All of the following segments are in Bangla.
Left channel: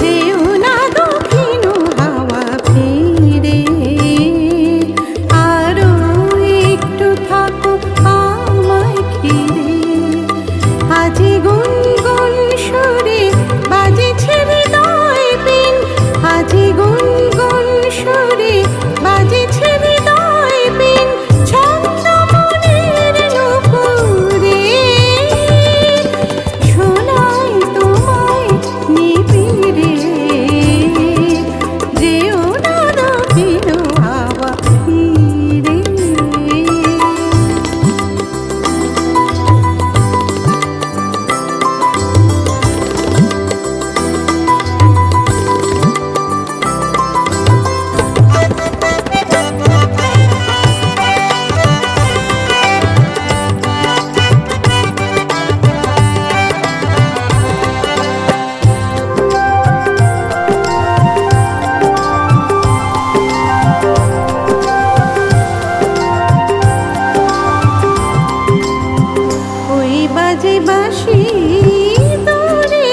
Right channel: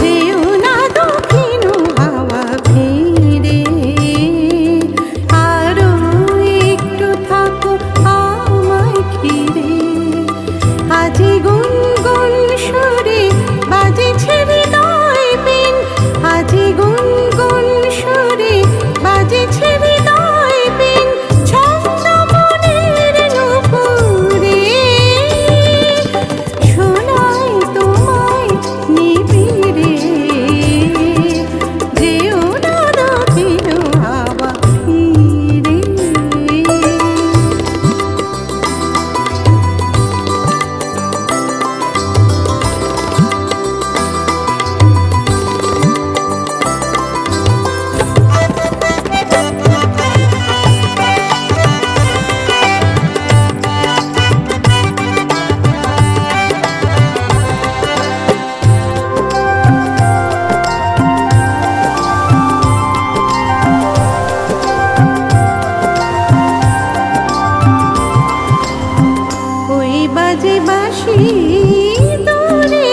যেও দক্ষিণ হাওয়া একটু ঘিরে। আজি গুনগুন সুরে আজি গুনগুন সুরে বাজেছে বাজে বাসি দূরে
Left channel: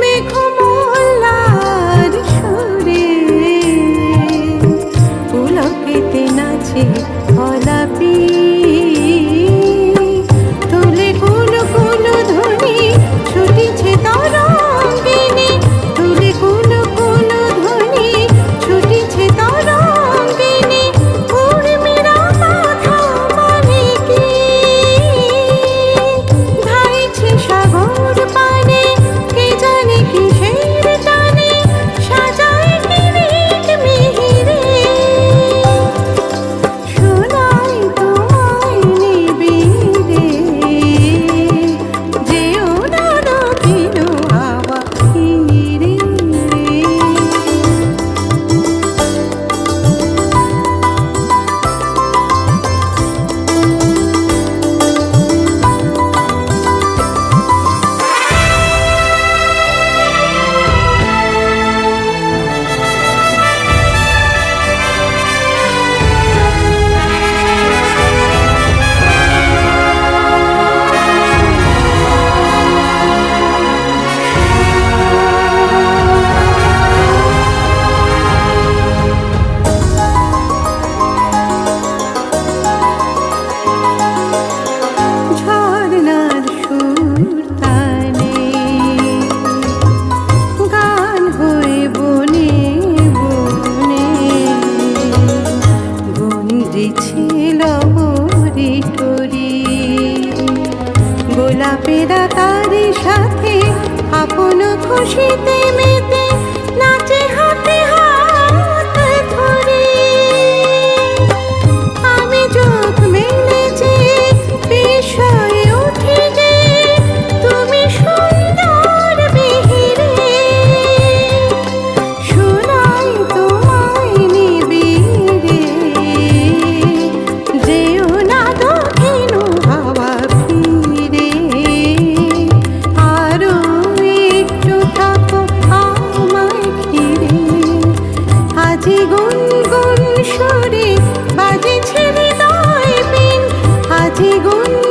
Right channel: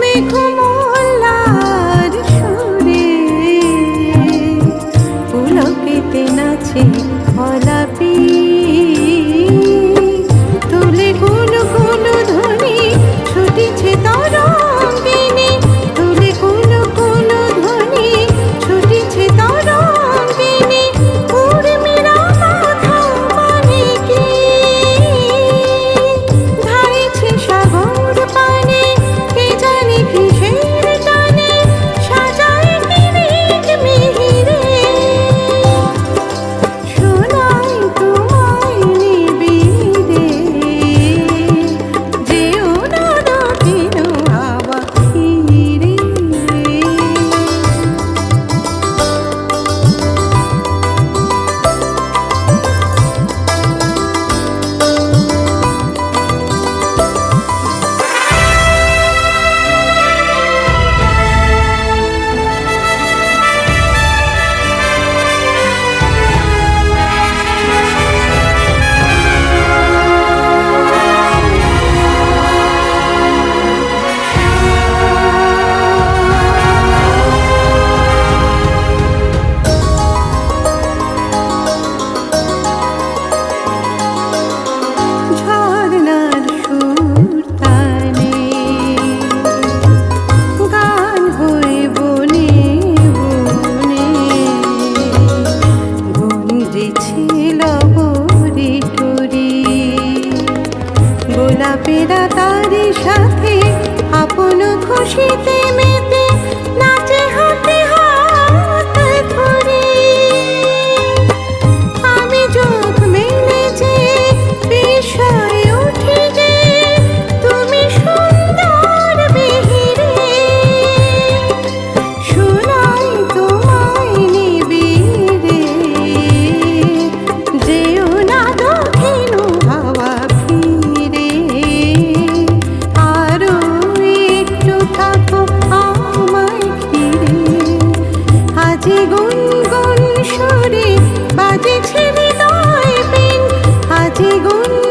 মেঘমল্লার সুরে। পুলকেতে নাচে অলাপি গোলাপেরা তারি সাথে, আপন খুশিতে মেতে নাচে হাতে হাত ধরে। আমি চোখ মেলে যে বিষয় আজি গুন সুরে বাজে ছেড়ে দয় পিন গুনগুন